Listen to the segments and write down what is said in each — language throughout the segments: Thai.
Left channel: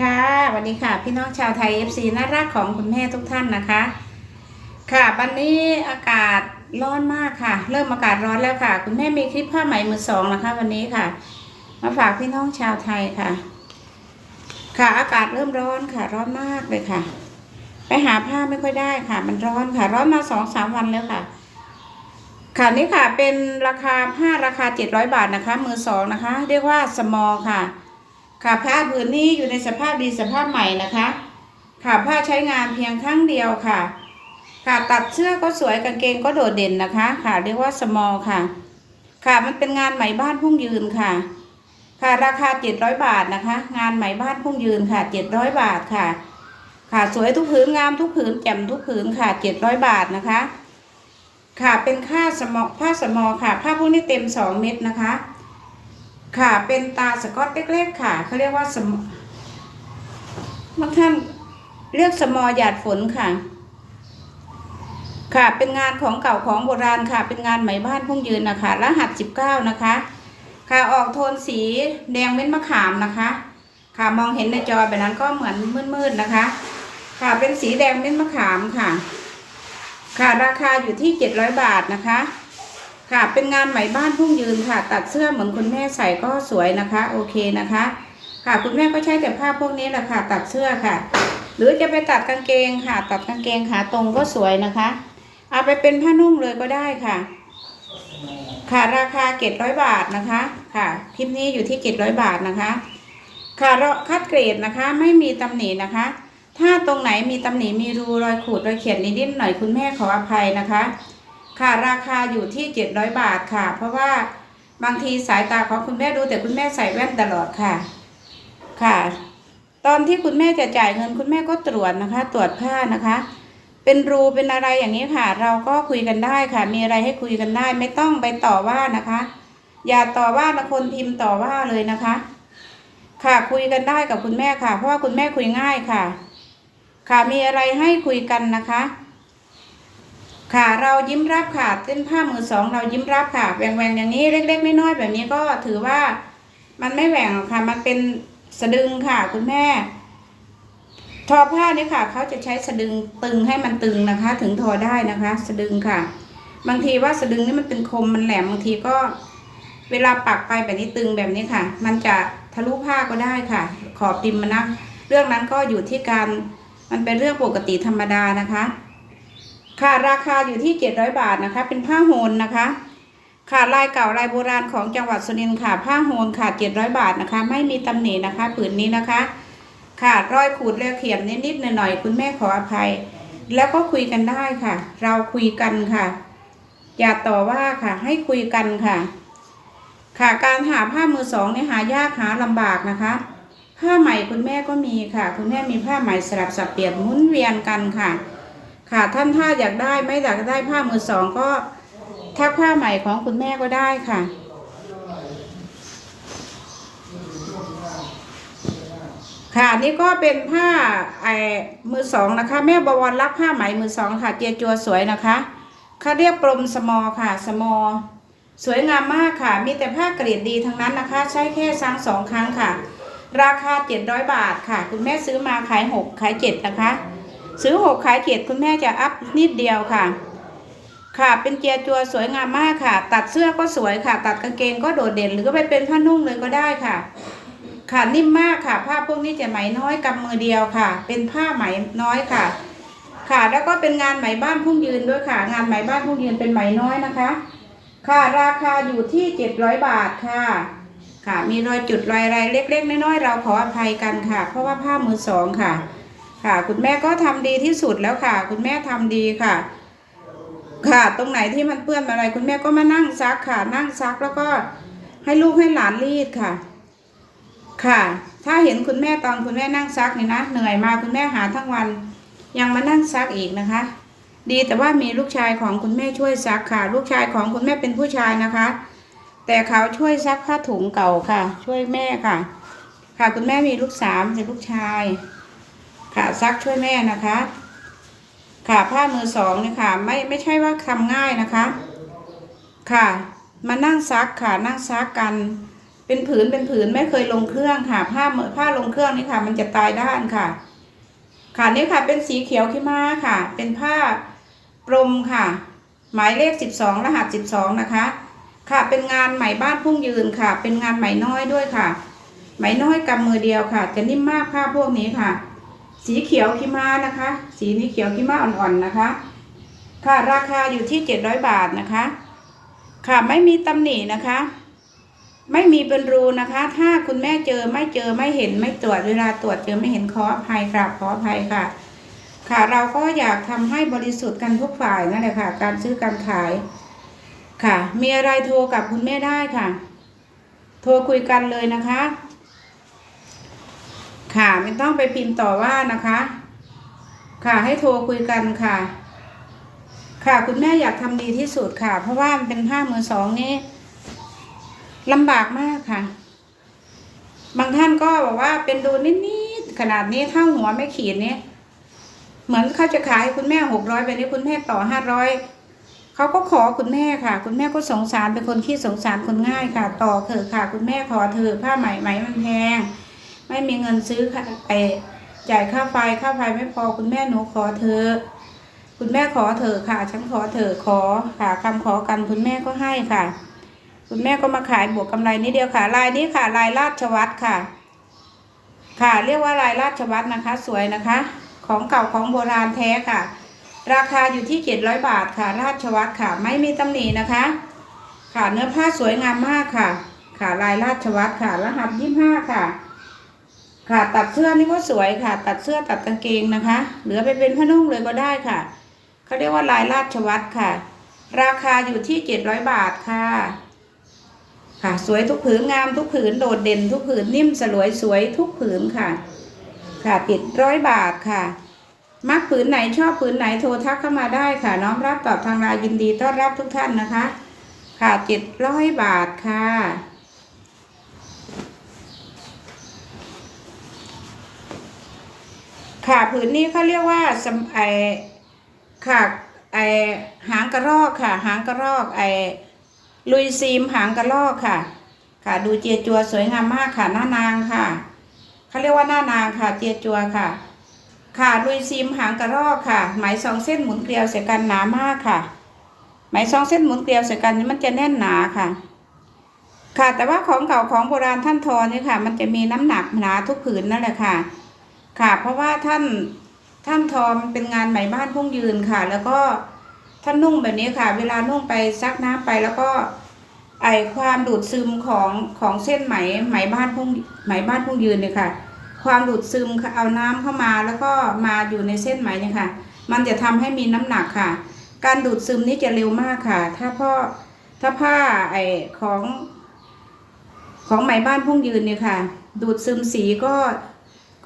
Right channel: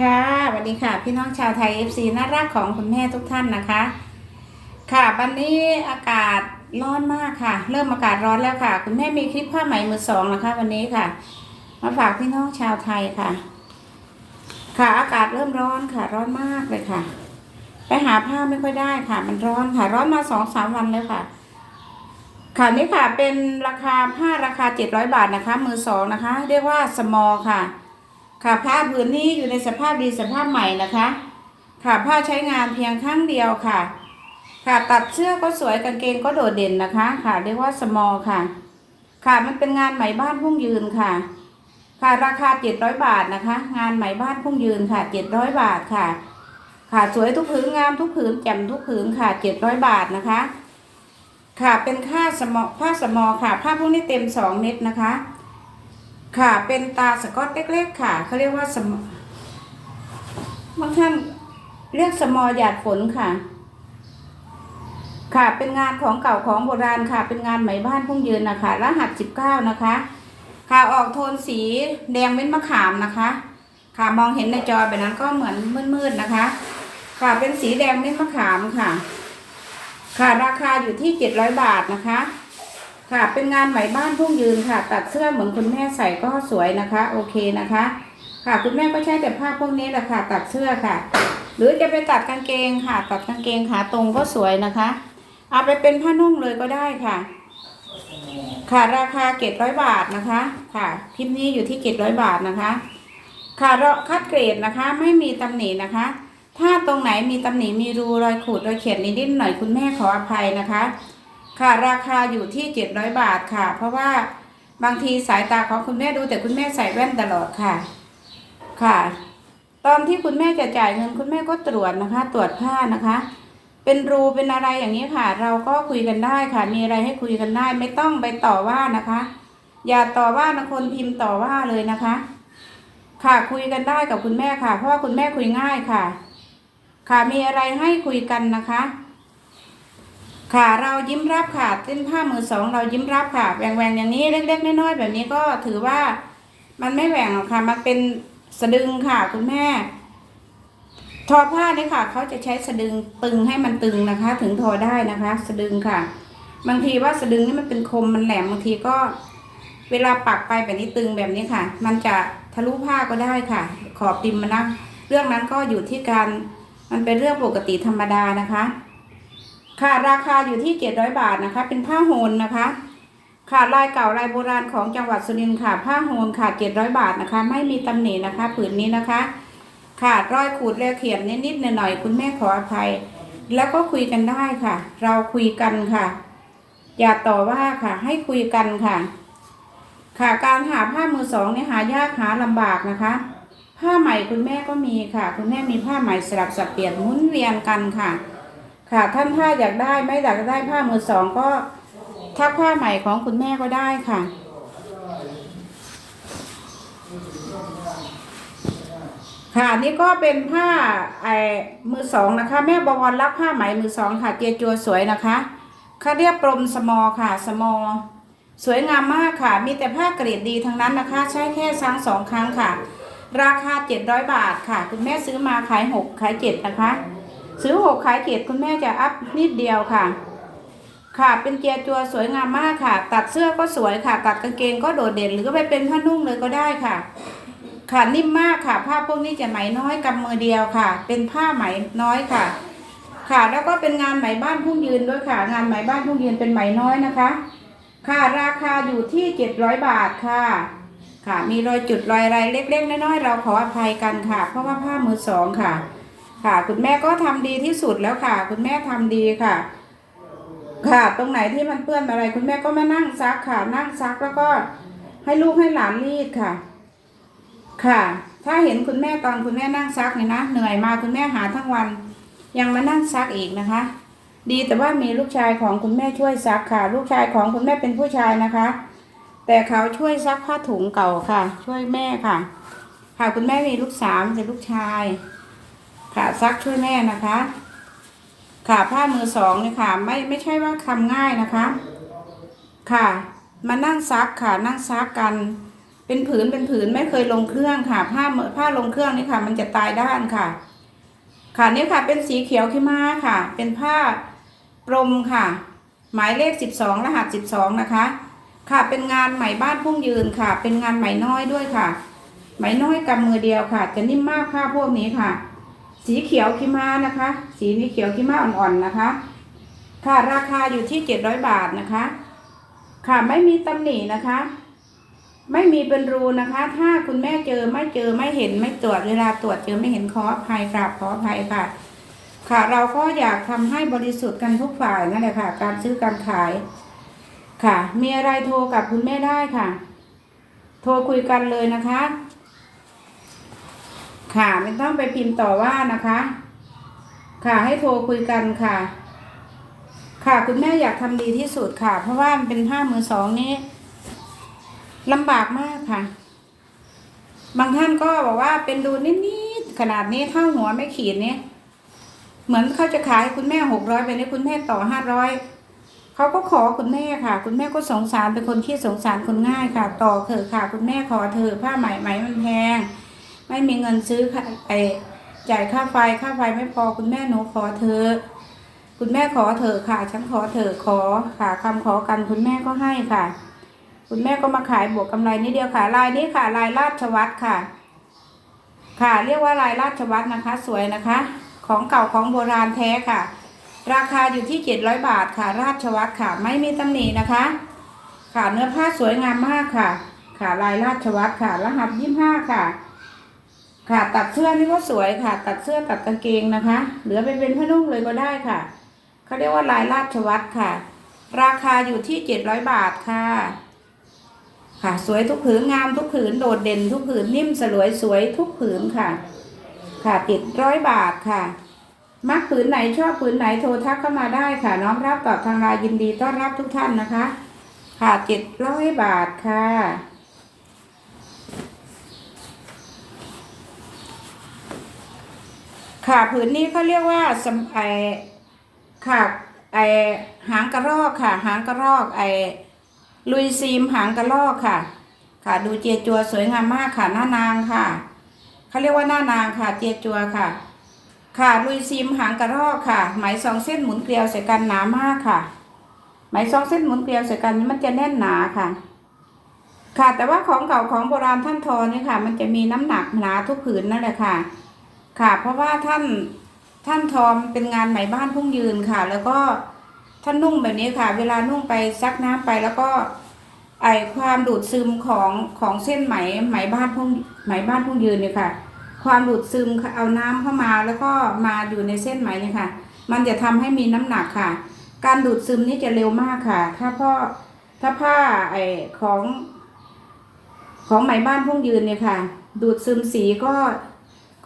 ค่ะสวัสดีค่ะ พี่น้องชาวไทย FC น่ารักของคุณแม่ทุกท่านนะคะ ค่ะวันนี้อากาศร้อนมากค่ะ เริ่มอากาศร้อนแล้วค่ะ คุณแม่มีคลิปผ้าไหมมือสองนะคะ วันนี้ค่ะ มาฝากพี่น้องชาวไทยค่ะ ค่ะอากาศเริ่มร้อนค่ะ ร้อนมากเลยค่ะ ไปหาผ้าไม่ค่อยได้ค่ะ มันร้อนค่ะ ร้อนมาสองสามวันแล้วค่ะ ค่ะนี่ค่ะเป็นราคาผ้าราคาเจ็ดร้อยบาทนะคะ มือสองนะคะ เรียกว่าสมอค่ะ ค่ะผ้าผืนนี้อยู่ในสภาพดีสภาพใหม่นะคะ ค่ะผ้าใช้งานเพียงครั้งเดียวค่ะ ค่ะตัดเสื้อก็สวยกางเกงก็โดดเด่นนะคะ ค่ะเรียกว่าสมอลค่ะ ค่ะมันเป็นงานไหมบ้านพุ่งยืนค่ะ ค่ะราคาเจ็ดร้อยบาทนะคะ งานไหมบ้านพุ่งยืนค่ะเจ็ดร้อยบาทค่ะ ค่ะสวยทุกผืนงามทุกผืนแจ่มทุกผืนค่ะเจ็ดร้อยบาทนะคะ ค่ะเป็นค่าสมอผ้าสมอค่ะผ้าพวกนี้เต็มสองเม็ดนะคะ ค่ะเป็นตาสกอตเล็กๆค่ะเขาเรียกว่าสมบางท่านเรียกสมอหยาดฝนค่ะ ค่ะเป็นงานของเก่าของโบราณค่ะ เป็นงานไหมบ้านพุ่งยืนนะคะรหัสสิบเก้านะคะ ค่ะออกโทนสีแดงเม็ดมะขามนะคะ ค่ะมองเห็นในจอแบบนั้นก็เหมือนมืดๆนะคะ ค่ะเป็นสีแดงเม็ดมะขามค่ะ ค่ะราคาอยู่ที่เจ็ดร้อยบาทนะคะ ค่ะ เป็นงานไหมบ้านพุ่งยืนค่ะ ตัดเสื้อเหมือนคุณแม่ใส่ก็สวยนะคะ โอเคนะคะ ค่ะคุณแม่ก็ใช้แต่ผ้าพวกนี้แหละค่ะ ตัดเสื้อค่ะ หรือจะไปตัดกางเกงค่ะ ตัดกางเกงขาตรงก็สวยนะคะ เอาไปเป็นผ้านุ่งเลยก็ได้ค่ะ ค่ะราคาเจ็ดร้อยบาทนะคะ ค่ะคลิปนี้อยู่ที่เจ็ดร้อยบาทนะคะ ค่ะเราคัดเกรดนะคะ ไม่มีตำหนินะคะ ถ้าตรงไหนมีตำหนิมีรูรอยขูดรอยเขียนนิดๆหน่อยคุณแม่ขออภัยนะคะ ค่ะราคาอยู่ที่ 700 บาทค่ะ เพราะว่าบางทีสายตาของคุณแม่ดูแต่คุณแม่ใส่แว่นตลอดค่ะ ค่ะ ตอนที่คุณแม่จะจ่ายเงินคุณแม่ก็ตรวจนะคะ ตรวจผ้านะคะ เป็นรูเป็นอะไรอย่างนี้ค่ะ เราก็คุยกันได้ค่ะ มีอะไรให้คุยกันได้ ไม่ต้องไปต่อว่านะคะ อย่าต่อว่าบางคนพิมพ์ต่อว่าเลยนะคะ ค่ะคุยกันได้กับคุณแม่ค่ะ เพราะว่าคุณแม่คุยง่ายค่ะ ค่ะมีอะไรให้คุยกันนะคะ ค่ะเรายิ้มรับค่ะเส้นผ้ามือสองเรายิ้มรับค่ะแหว่งแหวงๆอย่างนี้เล็ก ๆ น้อยๆแบบนี้ก็ถือว่ามันไม่แหว่งค่ะ มันเป็นสะดึงค่ะ คุณแม่ ทอผ้านี่ค่ะเขาจะใช้สะดึงตึงให้มันตึงนะคะ ถึงทอได้นะคะ สะดึงค่ะ บางทีว่าสะดึงนี่มันเป็นคมมันแหลมบางทีก็ เวลาปักไปแบบนี้ตึงแบบนี้ค่ะ มันจะทะลุผ้าก็ได้ค่ะ ขอบติมมันนะเรื่องนั้นก็อยู่ที่การมันเป็นเรื่องปกติธรรมดานะคะ ค่ะราคาอยู่ที่700บาทนะคะ เป็นผ้าโฮนนะคะ ค่ะลายเก่าลายโบราณของจังหวัดสุรินทร์ค่ะ ผ้าโฮนค่ะ700บาทนะคะ ไม่มีตำหนินะคะ ผืนนี้นะคะ ค่ะรอยขูดแล้วเขียนนิดๆหน่อยๆคุณแม่ขออภัย แล้วก็คุยกันได้ค่ะ เราคุยกันค่ะ อย่าต่อว่าค่ะ ให้คุยกันค่ะ ค่ะการหาผ้ามือสองเนี่ยหายากหาลำบากนะคะผ้าใหม่คุณแม่ก็มีค่ะ คุณแม่มีผ้าใหม่สลับสับเปลี่ยนหมุนเวียนกันค่ะ ค่ะท่านถ้าอยากได้ไม่อยากได้ผ้ามือสองก็ทักผ้าใหม่ของคุณแม่ก็ได้ค่ะ ค่ะ นี่ก็เป็นผ้าไอ้มือสองนะคะ แม่บวรรับผ้าไหมมือสองค่ะ เจียจัวสวยนะคะเขาเรียกปรมสมอค่ะ สมอ สวยงามมากค่ะ มีแต่ผ้าเกรดดีทั้งนั้นนะคะ ใช้แค่ซังสองครั้งค่ะ ราคาเจ็ดร้อยบาทค่ะ คุณแม่ซื้อมาขายหกขายเจ็ดนะคะ ซื้อหกขายเจ็ดคุณแม่จะอัพนิดเดียวค่ะ ค่ะเป็นเกียร์จัวสวยงามมากค่ะ ตัดเสื้อก็สวยค่ะ ตัดกางเกงก็โดดเด่น หรือก็ไปเป็นผ้านุ่งเลยก็ได้ค่ะ ค่ะนิ่มมากค่ะ ผ้าพวกนี้จะไหมน้อยกำมือเดียวค่ะ เป็นผ้าไหมน้อยค่ะ ค่ะแล้วก็เป็นงานไหมบ้านพุ่งยืนด้วยค่ะ งานไหมบ้านพุ่งยืนเป็นไหมน้อยนะคะ ค่ะราคาอยู่ที่เจ็ดร้อยบาทค่ะค่ะมีรอยจุดรอยอะไรเล็กๆน้อยๆเราขออภัยกันค่ะ เพราะว่าผ้ามือสองค่ะ ค่ะ คุณแม่ก็ทำดีที่สุดแล้วค่ะ คุณแม่ทำดีค่ะ ค่ะ ตรงไหนที่มันเปื้อนอะไร คุณแม่ก็มานั่งซักค่ะ นั่งซักแล้วก็ให้ลูกให้หลานรีดค่ะ ค่ะ ถ้าเห็นคุณแม่ตอนคุณแม่นั่งซักเนี่ยนะเหนื่อยมาคุณแม่หาทั้งวัน ยังมานั่งซักอีกนะคะ ดีแต่ว่ามีลูกชายของคุณแม่ช่วยซักค่ะ ลูกชายของคุณแม่เป็นผู้ชายนะคะ แต่เขาช่วยซักผ้าถุงเก่าค่ะ ช่วยแม่ค่ะ ค่ะคุณแม่มีลูกสามเป็นลูกชาย ค่ะซักช่วยแม่นะคะ ค่ะผ้ามือสองเนี่ยค่ะ ไม่ไม่ใช่ว่าทำง่ายนะคะ ค่ะ มานั่งซักค่ะนั่งซักกัน เป็นผืนเป็นผืนไม่เคยลงเครื่องค่ะ ผ้าผ้าลงเครื่องนี่ค่ะ มันจะตายด้านค่ะ ค่ะนี่ค่ะ เป็นสีเขียวขี้ม้าค่ะ เป็นผ้ากลมค่ะ หมายเลขสิบสองรหัสสิบสองนะคะ ค่ะเป็นงานไหมบ้านพุ่งยืนค่ะ เป็นงานไหมน้อยด้วยค่ะ ไหมน้อยกำมือเดียวค่ะ จะนิ่มมากผ้าพวกนี้ค่ะ สีเขียวขีม้านะคะ สีนี้เขียวขีม้าอ่อนๆนะคะ ค่ะราคาอยู่ที่เจ็ดร้อยบาทนะคะ ค่ะไม่มีตำหนินะคะ ไม่มีเป็นรูนะคะ ถ้าคุณแม่เจอไม่เจอไม่เห็นไม่ตรวจเวลาตรวจเจอไม่เห็นขออภัยกราบขออภัยค่ะ ค่ะเราก็อยากทำให้บริสุทธิ์กันทุกฝ่ายนั่นแหละค่ะ การซื้อการขายค่ะ มีอะไรโทรกับคุณแม่ได้ค่ะ โทรคุยกันเลยนะคะ ค่ะไม่ต้องไปพิมพ์ต่อว่านะคะ ค่ะให้โทรคุยกันค่ะ ค่ะคุณแม่อยากทำดีที่สุดค่ะ เพราะว่ามันเป็นผ้ามือสองนี่ลำบากมากค่ะ บางท่านก็บอกว่าเป็นดูนิดๆขนาดนี้ถ้าหัวไม่ขีดนี่เหมือนเขาจะขายคุณแม่หกร้อยไปนี่คุณแม่ต่อห้าร้อยเขาก็ขอคุณแม่ค่ะ คุณแม่ก็สงสารเป็นคนที่สงสารคนง่ายค่ะ ต่อเถอะค่ะ คุณแม่ขอเถอะผ้าไหมไหมมันแพง ไม่มีเงินซื้อค่ะไอจ่ายค่าไฟค่าไฟไม่พอคุณแม่หนูขอเถอคุณแม่ขอเถอค่ะ ฉันขอเถอขอค่ะคำขอกันคุณแม่ก็ให้ค่ะ คุณแม่ก็มาขายบวกกำไรนิดเดียวค่ะลายนี้ค่ะลายราชวัตรค่ะ ค่ะเรียกว่าลายราชวัตรนะคะ สวยนะคะ ของเก่าของโบราณแท้ค่ะ ราคาอยู่ที่เจ็ดร้อยบาทค่ะ ราชวัตรค่ะ ไม่มีตำหนินะคะ ค่ะเนื้อผ้าสวยงามมากค่ะ ค่ะลายราชวัตรค่ะ รหัสยี่ห้าค่ะ ค่ะตัดเสื้อนี่ก็สวยค่ะ ตัดเสื้อตัดกางเกงนะคะ เหลือไปเป็นผ้านุ่งเลยก็ได้ค่ะเขาเรียกว่าลายราชวัตรค่ะ ราคาอยู่ที่เจ็ดร้อยบาทค่ะ ค่ะ สวยทุกผืนงามทุกผืนโดดเด่นทุกผืนนิ่มสลวยสวยทุกผืนค่ะ ค่ะเจ็ดร้อยบาทค่ะ มักผืนไหนชอบผืนไหนโทรทักเข้ามาได้ค่ะ น้อมรับตอบทางไลน์ยินดีต้อนรับทุกท่านนะคะ ค่ะเจ็ดร้อยบาทค่ะ ค่ะผืนนี้เขาเรียกว่าสไอค่ะไอหางกระรอกค่ะ หางกระรอกไอลุยซีมหางกระรอกค่ะ ค่ะ ดูเจียจัวสวยงามมากค่ะหน้านางค่ะเขาเรียกว่าหน้านางค่ะเจียจัวค่ะ ค่ะลุยซีมหางกระรอกค่ะ ไหมสองเส้นหมุนเกลียวใส่กันหนามากค่ะ ไหมสองเส้นหมุนเกลียวใส่กันนี่มันจะแน่นหนาค่ะ ค่ะแต่ว่าของเก่าของโบราณท่านทอนี่ค่ะ มันจะมีน้ำหนักหนาทุกผืนนั่นแหละค่ะ ค่ะ เพราะว่าท่านท่านทอมเป็นงานไหมบ้านพุ่งยืนค่ะ แล้วก็ท่านนุ่งแบบนี้ค่ะ เวลานุ่งไปซักน้ำไปแล้วก็ไอความดูดซึมของของเส้นไหมไหมบ้านพุ่งไหมบ้านพุ่งยืนเนี่ยค่ะ ความดูดซึมเอาน้ำเข้ามาแล้วก็มาอยู่ในเส้นไหมเนี่ยค่ะ มันจะทำให้มีน้ำหนักค่ะ การดูดซึมนี่จะเร็วมากค่ะ ถ้าพ่อถ้าผ้าไอของ ของไหมบ้านพุ่งยืนเนี่ยค่ะ ดูดซึมสีก็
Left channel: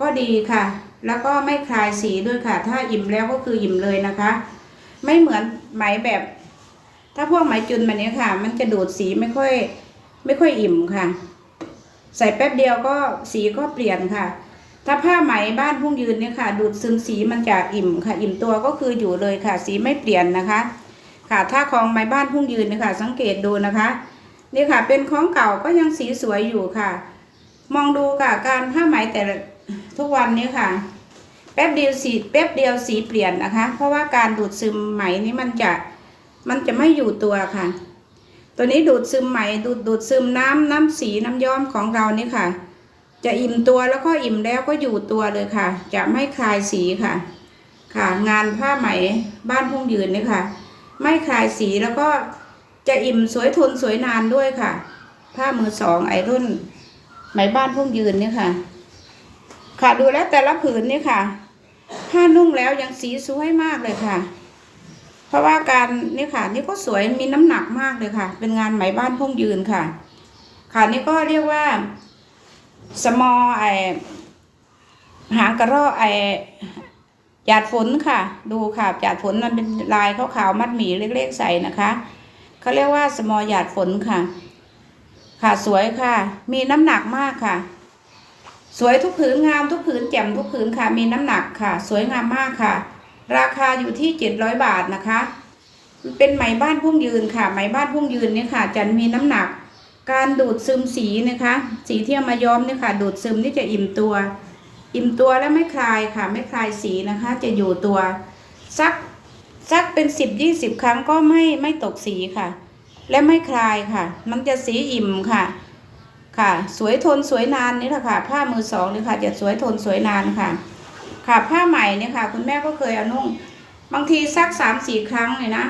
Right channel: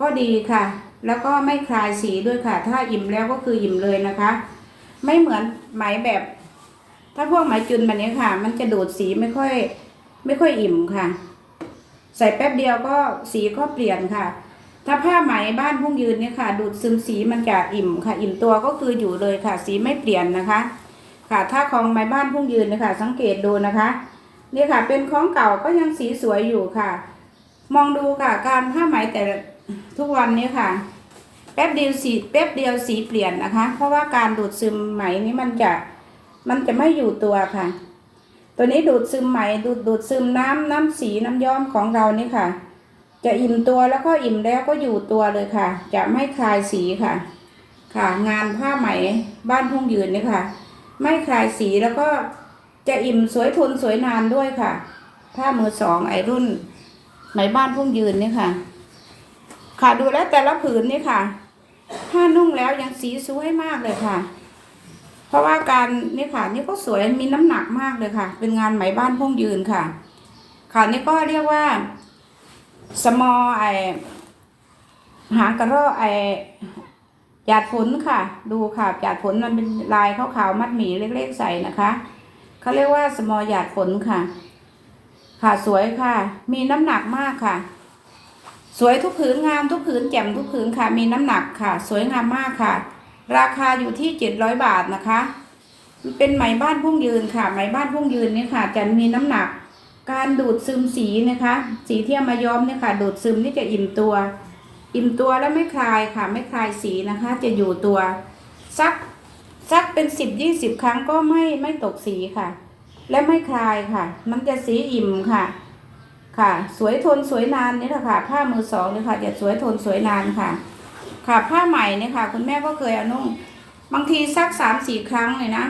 ก็ดีค่ะ แล้วก็ไม่คลายสีด้วยค่ะ ถ้าอิ่มแล้วก็คืออิ่มเลยนะคะ ไม่เหมือนไหมแบบ ถ้าพวกไหมจุนแบบนี้ค่ะ มันจะดูดสีไม่ค่อย ไม่ค่อยอิ่มค่ะ ใส่แป๊บเดียวก็สีก็เปลี่ยนค่ะ ถ้าผ้าไหมบ้านพุ่งยืนเนี่ยค่ะ ดูดซึมสีมันจะอิ่มค่ะ อิ่มตัวก็คืออยู่เลยค่ะ สีไม่เปลี่ยนนะคะ ค่ะ ถ้าของไหมบ้านพุ่งยืนเนี่ยค่ะ สังเกตดูนะคะนี่ค่ะ เป็นของเก่าก็ยังสีสวยอยู่ค่ะ มองดูค่ะ การผ้าไหมแต่ ทุกวันนี้ค่ะ แป๊บเดียวสีแป๊บเดียวสีเปลี่ยนนะคะ เพราะว่าการดูดซึมไหมนี้มันจะมันจะไม่อยู่ตัวค่ะ ตัวนี้ดูดซึมไหมดูดดูดซึมน้ำน้ำสีน้ำย้อมของเรานี่ค่ะ จะอิ่มตัวแล้วก็อิ่มแล้วก็อยู่ตัวเลยค่ะ จะไม่คลายสีค่ะ ค่ะ งานผ้าไหมบ้านพุ่งยืนนี่ค่ะ ไม่คลายสีแล้วก็จะอิ่มสวยทนสวยนานด้วยค่ะ ผ้ามือสองไอรุ่นไหมบ้านพุ่งยืนนี่ค่ะ ค่ะดูแล้วแต่ละผืนนี่ค่ะ ถ้านุ่งแล้วยังสีสวยมากเลยค่ะ เพราะว่าการนี่ค่ะ นี่ก็สวยมีน้ำหนักมากเลยค่ะ เป็นงานไหมบ้านพุ่งยืนค่ะ ค่ะนี่ก็เรียกว่าสมอไอหางกระรอกไอหยาดฝนค่ะ ดูค่ะหยาดฝนมันเป็นลายขาวๆมัดหมี่เล็กๆใส่นะคะเขาเรียกว่าสมอหยาดฝนค่ะ ค่ะสวยค่ะ มีน้ำหนักมากค่ะ สวยทุกผืนงามทุกผืนแจ่มทุกผืนค่ะมีน้ำหนักค่ะ สวยงามมากค่ะ ราคาอยู่ที่เจ็ดร้อยบาทนะคะ เป็นไหมบ้านพุ่งยืนค่ะ ไหมบ้านพุ่งยืนเนี่ยค่ะจะมีน้ำหนัก การดูดซึมสีนะคะ สีที่เอามาย้อมเนี่ยค่ะ ดูดซึมนี่จะอิ่มตัว อิ่มตัวแล้วไม่คลายค่ะ ไม่คลายสีนะคะ จะอยู่ตัวสักสักเป็นสิบยี่สิบครั้งก็ไม่ไม่ตกสีค่ะ และไม่คลายค่ะ มันจะสีอิ่มค่ะ ค่ะ สวยทนสวยนานนี่แหละค่ะ ผ้ามือสองเลยค่ะจะสวยทนสวยนานค่ะ ค่ะผ้าใหม่เนี่ยค่ะ คุณแม่ก็เคยเอานุ่ง บางทีสักสามสี่ครั้งเลยนะ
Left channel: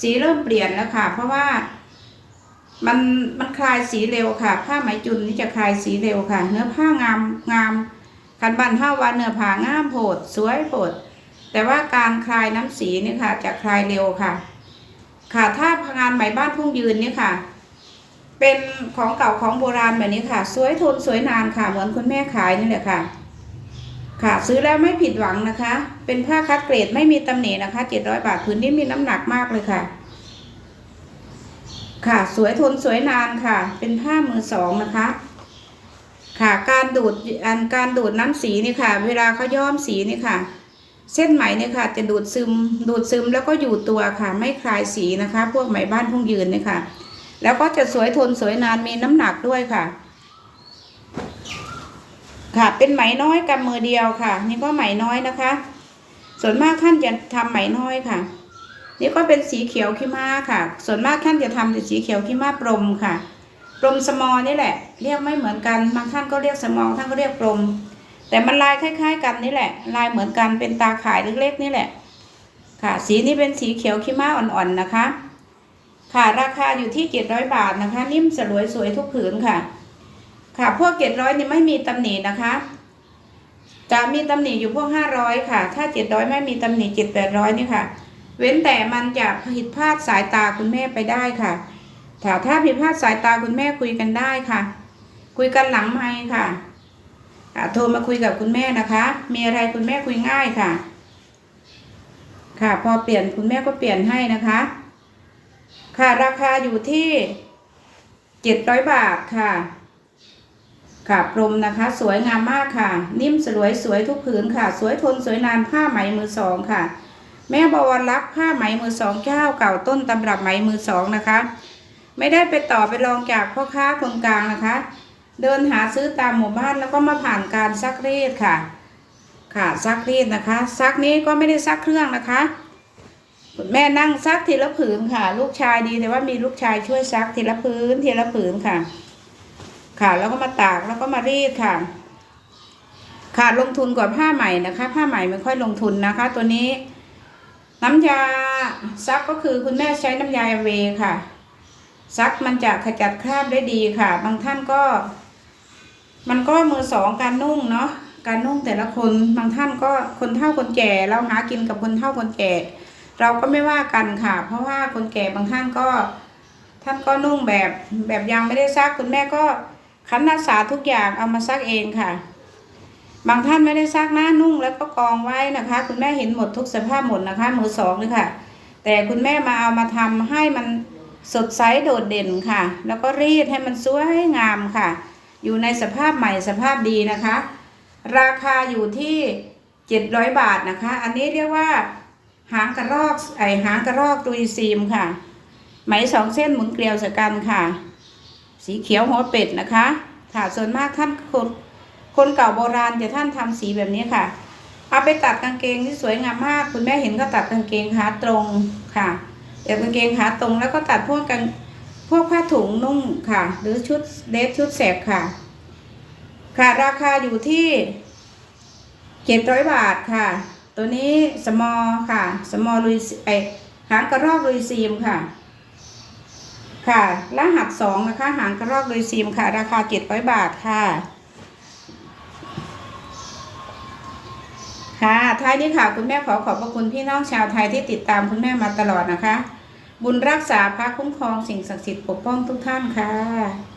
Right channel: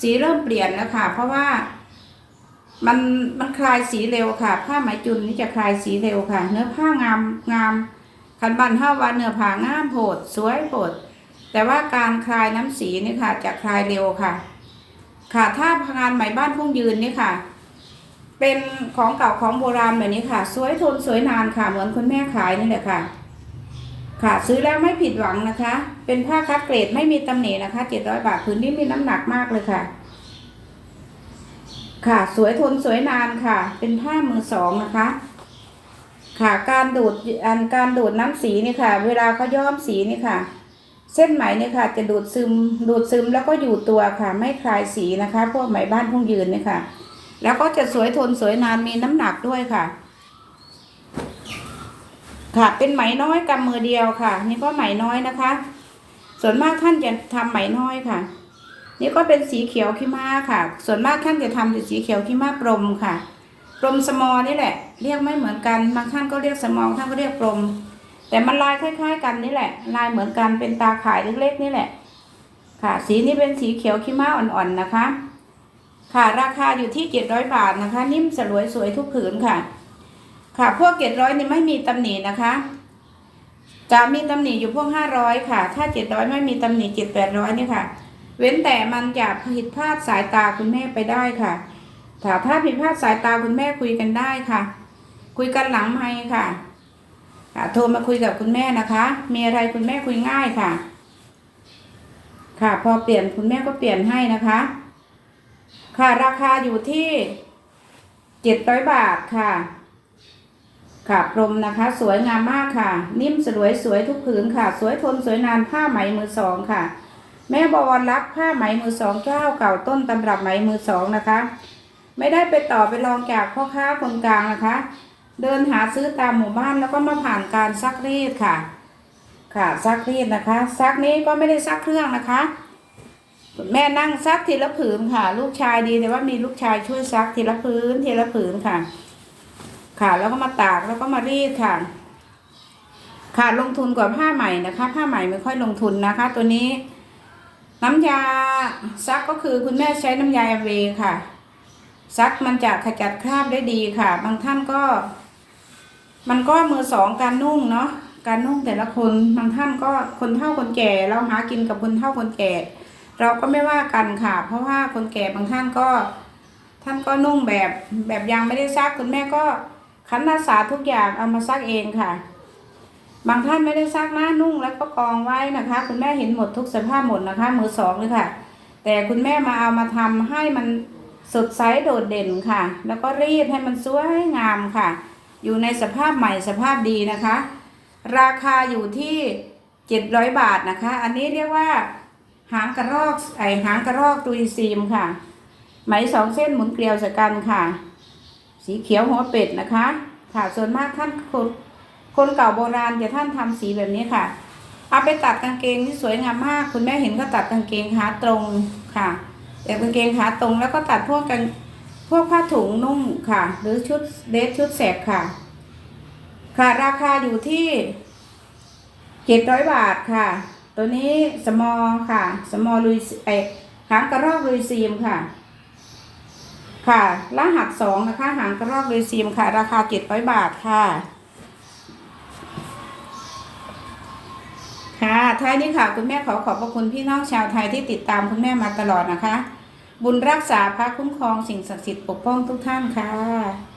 สีเริ่มเปลี่ยนแล้วค่ะ เพราะว่า มันมันคลายสีเร็วค่ะ ผ้าไหมจุนนี่จะคลายสีเร็วค่ะ เนื้อผ้างามงามคันบันเท่าวันเนื้อผ้างามโผดสวยโผดแต่ว่าการคลายน้ำสีนี่ค่ะ จะคลายเร็วค่ะ ค่ะถ้างานไหมบ้านพุ่งยืนนี่ค่ะ เป็นของเก่าของโบราณแบบนี้ค่ะ สวยทนสวยนานค่ะเหมือนคุณแม่ขายนี่แหละค่ะ ค่ะซื้อแล้วไม่ผิดหวังนะคะ เป็นผ้าคัดเกรดไม่มีตำหนินะคะ700บาทพื้นที่มีน้ำหนักมากเลยค่ะ ค่ะสวยทนสวยนานค่ะ เป็นผ้ามือสองนะคะค่ะการดูดอันการดูดน้ำสีนี่ค่ะ เวลาเขาย้อมสีนี่ค่ะ เส้นไหมเนี่ยค่ะ จะดูดซึมดูดซึมแล้วก็อยู่ตัวค่ะ ไม่คลายสีนะคะ พวกไหมบ้านพงยืนนี่ค่ะ แล้วก็จะสวยทนสวยนานมีน้ำหนักด้วยค่ะ ค่ะ เป็นไหมน้อยกำมือเดียวค่ะ นี่ก็ไหมน้อยนะคะ ส่วนมากท่านจะทำไหมน้อยค่ะ นี่ก็เป็นสีเขียวขี้ม้าค่ะ ส่วนมากท่านจะทำเป็นสีเขียวขี้ม้าปรมค่ะปรมสมอนี่แหละ เรียกไม่เหมือนกันบางท่านก็เรียกสมองท่านก็เรียกปรมแต่มันลายคล้าย ๆ กันนี่แหละ ลายเหมือนกันเป็นตาข่ายเล็กๆนี่แหละ ค่ะ สีนี้เป็นสีเขียวขี้ม้าอ่อนๆนะคะ ค่ะราคาอยู่ที่เจ็ดร้อยบาทนะคะ นิ่มสลวยสวยทุกผืนค่ะ ค่ะพวกเจ็ดร้อยนี่ไม่มีตำหนินะคะ จะมีตำหนิอยู่พวกห้าร้อยค่ะ ถ้าเจ็ดร้อยไม่มีตำหนิเจ็ดแปดร้อยนี่ค่ะ เว้นแต่มันจะผิดพลาดสายตาคุณแม่ไปได้ค่ะถ้าถ้าผิดพลาดสายตาคุณแม่คุยกันได้ค่ะ คุยกันหลังไมค์ค่ะอ่าโทรมาคุยกับคุณแม่นะคะ มีอะไรคุณแม่คุยง่ายค่ะ ค่ะ พอเปลี่ยนคุณแม่ก็เปลี่ยนให้นะคะ ค่ะราคาอยู่ที่เจ็ดร้อยบาทค่ะ ค่ะพรมนะคะ สวยงามมากค่ะ นิ่มสวยสวยทุกผืนค่ะ สวยทนสวยนานผ้าไหมมือสองค่ะ แม่บวรรักผ้าไหมมือสองเจ้าเก่าต้นตำรับไหมมือสองนะคะ ไม่ได้ไปต่อไปลองจากพ่อค้าคนกลางนะคะ เดินหาซื้อตามหมู่บ้านแล้วก็มาผ่านการซักรีดค่ะ ค่ะซักรีดนะคะ ซักนี้ก็ไม่ได้ซักเครื่องนะคะ แม่นั่งซักทีละผืนค่ะ ลูกชายดีแต่ว่ามีลูกชายช่วยซักทีละผืนทีละผืนค่ะ ค่ะแล้วก็มาตากแล้วก็มารีดค่ะ ค่ะลงทุนกว่าผ้าใหม่นะคะ ผ้าใหม่ไม่ค่อยลงทุนนะคะ ตัวนี้ น้ำยาซักก็คือคุณแม่ใช้น้ำยาเวค่ะ ซักมันจะขจัดคราบได้ดีค่ะ บางท่านก็ มันก็มือสองการนุ่งเนาะการนุ่งแต่ละคนบางท่านก็คนเฒ่าคนแก่ เราหากินกับคนเฒ่าคนแก่ เราก็ไม่ว่ากันค่ะ เพราะว่าคนแก่บางท่านก็ ท่านก็นุ่งแบบแบบยังไม่ได้ซักคุณแม่ก็คันนักษาทุกอย่างเอามาซักเองค่ะ บางท่านไม่ได้ซักหน้านุ่งแล้วก็กองไว้นะคะ คุณแม่เห็นหมดทุกสภาพหมดนะคะมือสองเลยค่ะ แต่คุณแม่มาเอามาทำให้มันสดใสโดดเด่นค่ะ แล้วก็รีดให้มันสวยงามค่ะ อยู่ในสภาพใหม่สภาพดีนะคะ ราคาอยู่ที่เจ็ดร้อยบาทนะคะ อันนี้เรียกว่า หางกระรอกไอหางกระรอกตุยซีมค่ะ ไหมสองเส้นหมุนเกลียวสกันค่ะ สีเขียวหัวเป็ดนะคะ ค่ะส่วนมากท่านคนคนเก่าโบราณจะท่านทำสีแบบนี้ค่ะเอาไปตัดกางเกงที่สวยงามมาก คุณแม่เห็นก็ตัดกางเกงขาตรงค่ะแต่กางเกงขาตรงแล้วก็ตัดพวกกันพวกผ้าถุงนุ่งค่ะ หรือชุดเดรสชุดแสกค่ะ ค่ะราคาอยู่ที่เจ็ดร้อยบาทค่ะ ตัวนี้สมอค่ะ สมอลุยไอหางกระรอกลุยซีมค่ะ ค่ะรหัสสองนะคะ หางกระรอกลุยซีมค่ะ ราคาเจ็ดร้อยบาทค่ะ ค่ะ ท้ายนี้ค่ะ คุณแม่ขอขอบพระคุณพี่น้องชาวไทยที่ติดตามคุณแม่มาตลอดนะคะ บุญรักษาพระคุ้มครองสิ่งศักดิ์สิทธิ์ปกป้องทุกท่านค่ะ